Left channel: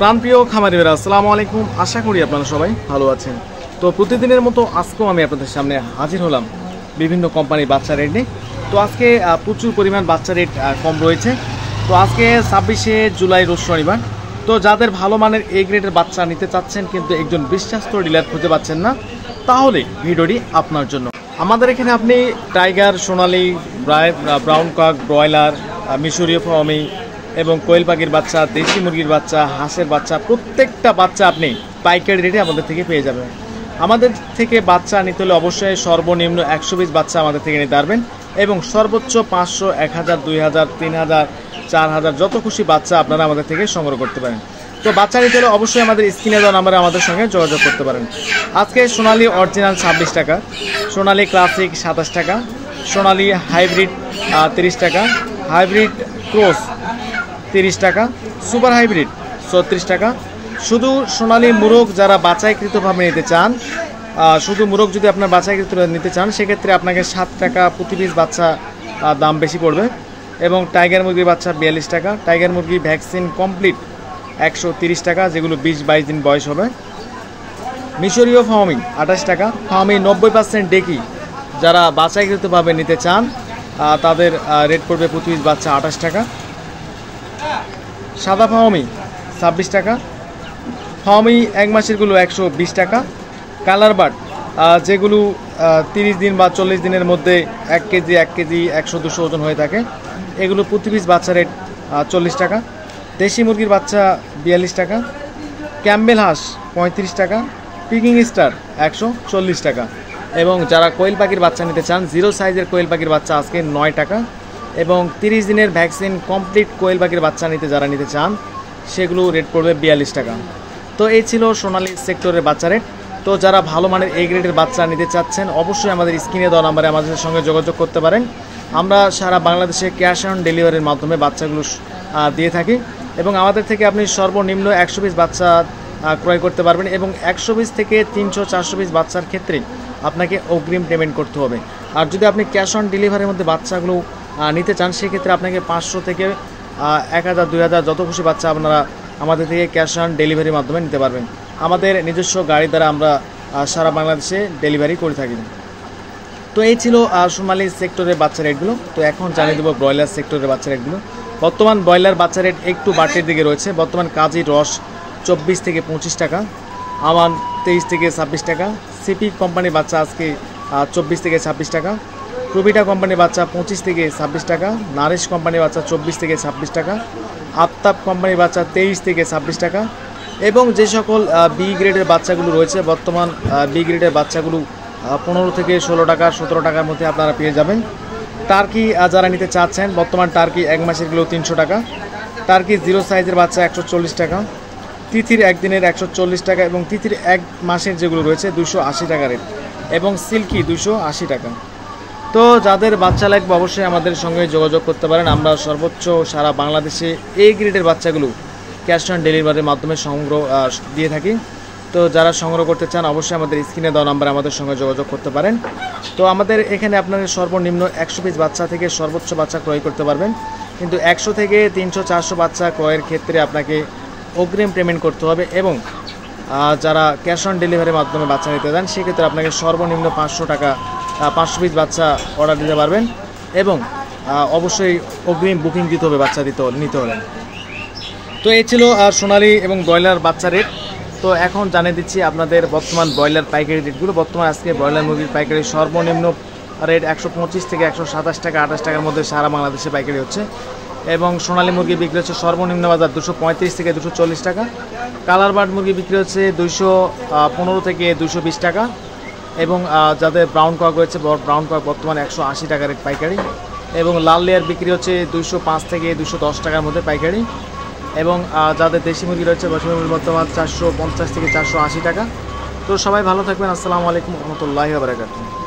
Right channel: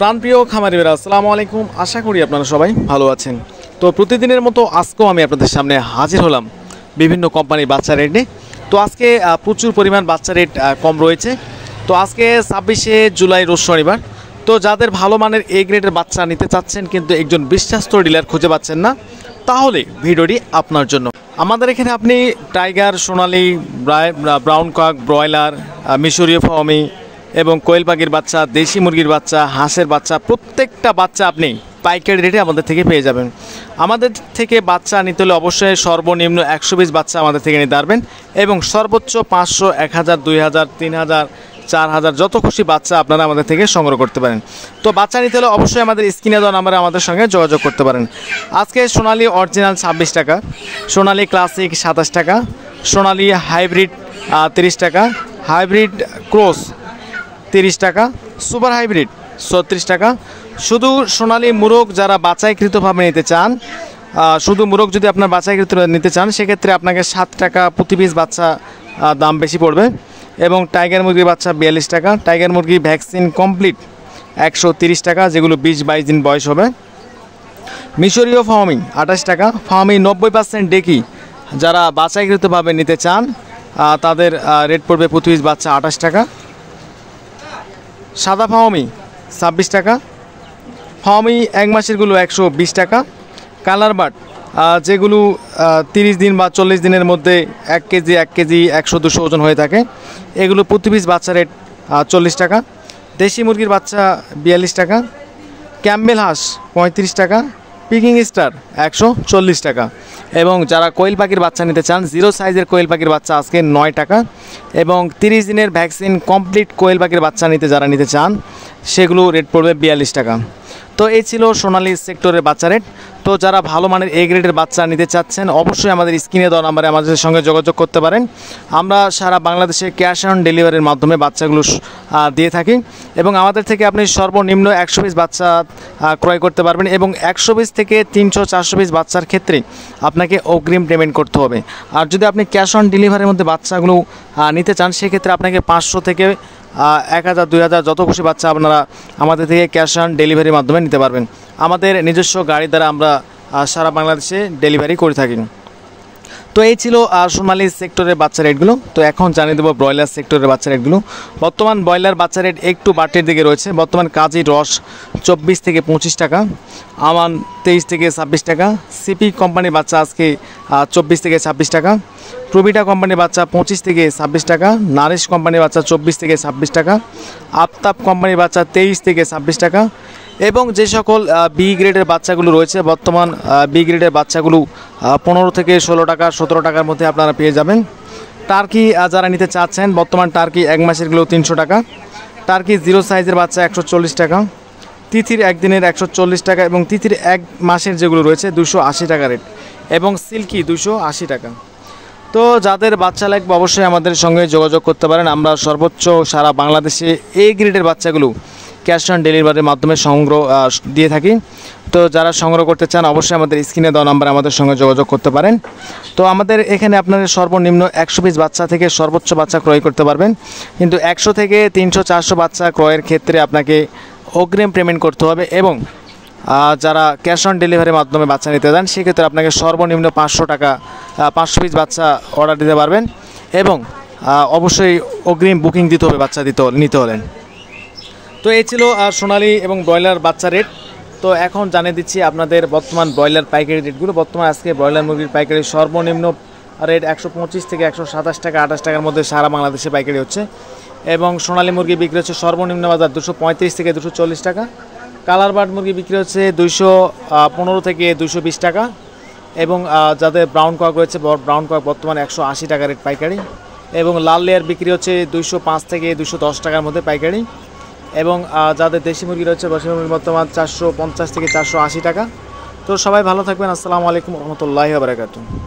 প্রাণপ্রিয় খামারিরা আসসালামু আলাইকুম। আশা করি আপনারা সবাই ভালো আছেন। তো প্রতিদিনের মতো আজকেও আমি আপনাদের সামনে হাজির হলাম বিভিন্ন কোম্পানির বাচ্চা রেট নিয়ে। তো আজকে প্রচুর পরিমাণ বাচ্চা রেট কম রয়েছে। তো আজকে 26শে জুলাই রোজ শনিবার। তো যাদের ভালো মানের এ গ্রেডের বাচ্চা নিতে চাচ্ছেন কিন্তু একজন বিশ্বস্ত ডিলার খুঁজে পাচ্ছেন না, তাহলে ভিডিওটি আপনার জন্য। আমাদের এখানে আপনি টাইগার, সোনালি, ব্রাউন কক, ব্রয়লার, মিশরীয় ফার্মি এবং কোয়েল পাখির বাচ্চা, দেশি মুরগির বাচ্চা, হাঁসের বাচ্চা, প্রত্যেকটা বাচ্চা আপনি পাইকারি রেটে আমাদের থেকে পেয়ে যাবেন। আমাদের থেকে বাচ্চা নিতে হলে অবশ্যই সর্বনিম্ন 120 বাচ্চা আমাদের থেকে নিতে পারবেন এবং সর্বোচ্চ 500, 1000, 2000, 3000, 4000 যত খুশি বাচ্চা আপনারা আমাদের থেকে সংগ্রহ করতে পারেন। তো বাচ্চা নিতে হলে অবশ্যই আমাদের স্ক্রিনে দেওয়া নাম্বারে আমাদের সঙ্গে যোগাযোগ করতে পারেন। আজকে সোনালি অরিজিনাল 26 টাকা, সোনালি ক্লাসিক 27 টাকা, সোনালি হাইব্রিড 30 টাকা, হাইব্রিড ক্রস 30 টাকা, সুপার হাইব্রিড 36 টাকা। শুধু সোনালি মুরগ যারা বাছাইকৃতভাবে নিতে চান, শুধু মুরগ যদি আপনার বাছাইকৃত নিতে চান সেক্ষেত্রে আপনাকে 7 টাকা প্রতি পিস বাচ্চা দাম বেশি পড়বে। এবং টাইগার মুরগির বাচ্চা 42 টাকা, টাইগার মুরগি ভ্যাকসিন কমপ্লিট 130 টাকা, যেগুলো 20-22 দিন বয়স হবে। মিশরীয় ফার্মি 28 টাকা, ফার্মি 90% ডেকি যারা বাছাইকৃতভাবে নিতে চান তাদের রেট পড়বে প্রতি পিস বাচ্চা 28 টাকা। সাদা ফার্মি 26 টাকা, ফার্মি এক মাসেরগুলো 120 টাকা। কালার বার্ড যেগুলো 30 দিন বা 40 দিনের মধ্যে 1 কেজি 100-200 ওজন হয়ে থাকে, এগুলো প্রতি পিস বাচ্চা রেট 40 টাকা। দেশি মুরগির বাচ্চা 42 টাকা, ক্যাম্বেল হাঁস 35 টাকা, পিকিং স্টার 140 টাকা। এবং যারা কোয়েল পাখির বাচ্চা নিতে চান, 0 সাইজের কোয়েল পাখির বাচ্চা আজকে 9 টাকা। এবং 30 দিনের ভ্যাকসিন কমপ্লিট কোয়েল পাখির বাচ্চা যারা নিতে চান সেগুলো রেট পড়বে 42 টাকা। তো এই ছিল সোনালি সেক্টরের বাচ্চা রেট। তো যারা ভালো মানের এ গ্রেডের বাচ্চা নিতে চাচ্ছেন অবশ্যই আমাদের স্ক্রিনে দেওয়া নাম্বারে আমাদের সঙ্গে যোগাযোগ করতে পারেন। আমরা সারা বাংলাদেশে ক্যাশ অন ডেলিভারির মাধ্যমে বাচ্চাগুলো দিয়ে থাকি এবং আমাদের থেকে আপনি সর্বনিম্ন 100 পিস বাচ্চা ক্রয় করতে পারবেন এবং 100 পিস থেকে 300-400 পিস বাচ্চার ক্ষেত্রে আপনাকে অগ্রিম পেমেন্ট করতে হবে। আর যদি আপনি ক্যাশ অন ডেলিভারির মধ্যে বাচ্চাগুলো নিতে চান সেক্ষেত্রে আপনাকে 500 থেকে 1000, 2000 যত খুশি বাচ্চা আপনারা আমাদের থেকে ক্যাশ অন ডেলিভারির মাধ্যমে নিতে পারবেন। আমাদের নিজস্ব গাড়ি দ্বারা আমরা সারা বাংলাদেশে ডেলিভারি করে থাকি। তো এই ছিল সোনালি সেক্টরের বাচ্চা রেটগুলো। তো এখন জানিয়ে দেবো ব্রয়লার সেক্টরের বাচ্চা রেটগুলো। বর্তমান ব্রয়লার বাচ্চা রেট একটু বাড়তির দিকে রয়েছে। বর্তমান কাজী রস 24 থেকে 25 টাকা, আমান 23 থেকে 26 টাকা, সিপি কোম্পানির বাচ্চা আজকে 24 থেকে 26 টাকা, প্রবিটা কোম্পানির বাচ্চা 25 থেকে 26 টাকা, নারিশ কোম্পানির বাচ্চা 24 থেকে 26 টাকা, আফতাব কোম্পানির বাচ্চা 23 থেকে 26 টাকা। এবং যে সকল বি গ্রেডের বাচ্চাগুলো রয়েছে, বর্তমান বি গ্রেডের বাচ্চাগুলো 15 থেকে 16 টাকা 17 টাকার মধ্যে আপনারা পেয়ে যাবেন। টার্কি যারা নিতে চাচ্ছেন, বর্তমান টার্কি এক মাসেরগুলো 300 টাকা, টার্কি 0 সাইজের বাচ্চা 140 টাকা, তিথির একদিনের 140 টাকা এবং তিথির এক মাসের যেগুলো রয়েছে 280 টাকা রেট এবং সিল্কি 280 টাকা। তো যাদের বাচ্চা লাগবে অবশ্যই আমাদের সঙ্গে যোগাযোগ করতে পারেন। আমরা সর্বোচ্চ সারা বাংলাদেশে এ গ্রেডের বাচ্চাগুলো ক্যাশ অন ডেলিভারির মাধ্যমে সংগ্রহ দিয়ে থাকি। তো যারা সংগ্রহ করতে চান অবশ্যই আমাদের স্ক্রিনে দেওয়া নাম্বারে আমাদের সঙ্গে যোগাযোগ করতে পারেন। তো আমাদের এখানে আপনাদের সর্বনিম্ন 100 পিস বাচ্চা থেকে সর্বোচ্চ বাচ্চা ক্রয় করতে পারবেন, কিন্তু 100 থেকে 300-400 বাচ্চা ক্রয়ের ক্ষেত্রে আপনাকে অগ্রিম পেমেন্ট করতে হবে এবং যারা ক্যাশ অন ডেলিভারির মাধ্যমে বাচ্চা নিতে চান সেক্ষেত্রে আপনাকে সর্বনিম্ন 500 টাকা 500 পিস বাচ্চা অর্ডার দিতে পারবেন এবং অবশ্যই অগ্রিম বুকিং দিতে হবে বাচ্চা নিতে হলেন। তো এই ছিল সোনালি এবং ব্রয়লার বাচ্চা রেট। তো এখন জানিয়ে দিচ্ছি আপনাদের বর্তমান ব্রয়লার পাইকারি রেটগুলো। বর্তমান আজকে ব্রয়লার মুরগির পাইকারি সর্বনিম্ন রেট 125 থেকে 127 টাকা 28 টাকার মধ্যে সারা বাংলাদেশে পাইকারি হচ্ছে এবং সোনালি মুরগি বিক্রি হচ্ছে সর্বনিম্ন বাজার 235 থেকে 240 টাকা। কালার বার্ড মুরগি বিক্রি হচ্ছে 215 থেকে 220 টাকা এবং যাদের ব্রাউন কক রয়েছে ব্রাউন কক বর্তমান 180 টাকা রেট পাইকারি এবং লাল লেয়ার বিক্রি হচ্ছে 205 থেকে 210 টাকার মধ্যে পাইকারি এবং যাদের দেশি মুরগি রয়েছে বর্তমান 450 থেকে 480 টাকা। তো সবাই ভালো থাকবেন। আসসালামু আলাইকুম ওয়া রাহমাতুল্লাহি ওয়া বারাকাতুহু।